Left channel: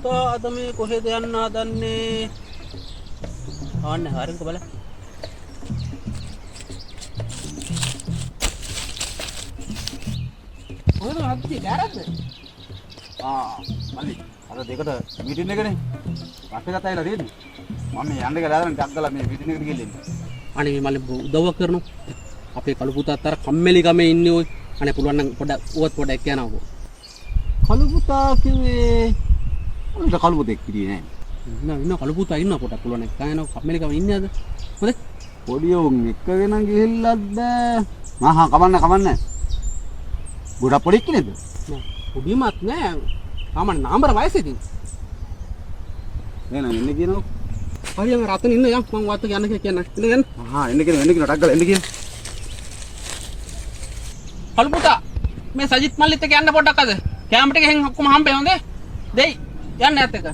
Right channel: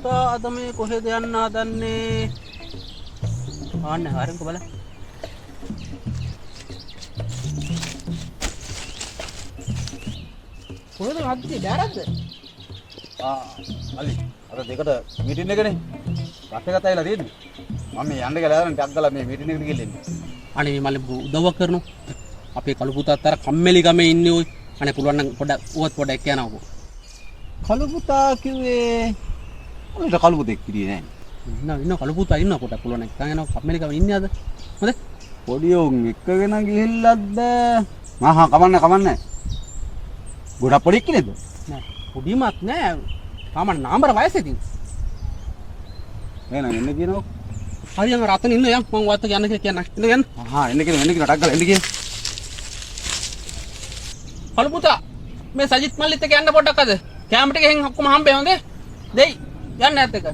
පුතා අද මේ කොහෙද යන්න හදන්නේ? ආන්නේ හරින්ක බලන්න. කොහෙද හද්දි බෑරක්ද? මල්ලි අර දෙකට මීටින් එකනේ. රට ගතයිලා තියෙන්නේ. මම මේ යන්න කියලා ආරන් ටක් ගාලා මේ මීටින් එකට ගිහින් ඉන්නේ. අනේ මේ මල්ලි උදව්වක් කරනවා. අපේ කළු පුතාත් අර කම්මැලි ගමේ ඉන්නේ ඔය. අනේ පුළුවන් නම් පොඩ්ඩක් කියනවාකෝ. කළු පුතා කිව්වේ අනිත් කළු පුතෙක් කිරියේ නෑ. ඉන්න කළු පුතා ඉන්න පොඩ්ඩක් පුළුවන් නම් කයනවා කම්මැලි ගමේ ඉන්නේ අද. හොඳේ? පොඩි උන් එක්කගෙන ගිහිල්ලක්ද? කමන්න. ගොඩක් පොඩි එක්කනේද? නෑ. පොඩිමත් නෑ. තාමන් නාඹර වයසේදී. එහෙනම් එන්න කියනවා. හරියම රතන ඉන්න යම් මම වත් යන්න කියලා කියන්න. ඉන්න එන්න කියන ටක් ගාලා එන්න කියන. කළු පුතා මේ සජිත් මල්ලිත් එක්ක යන්න පොඩ්ඩක් අද. කැමරට ගිහින් ඔක්කොම හම්බෙයි හොඳේ? දෙයි. යන්න ඇත්ත එක.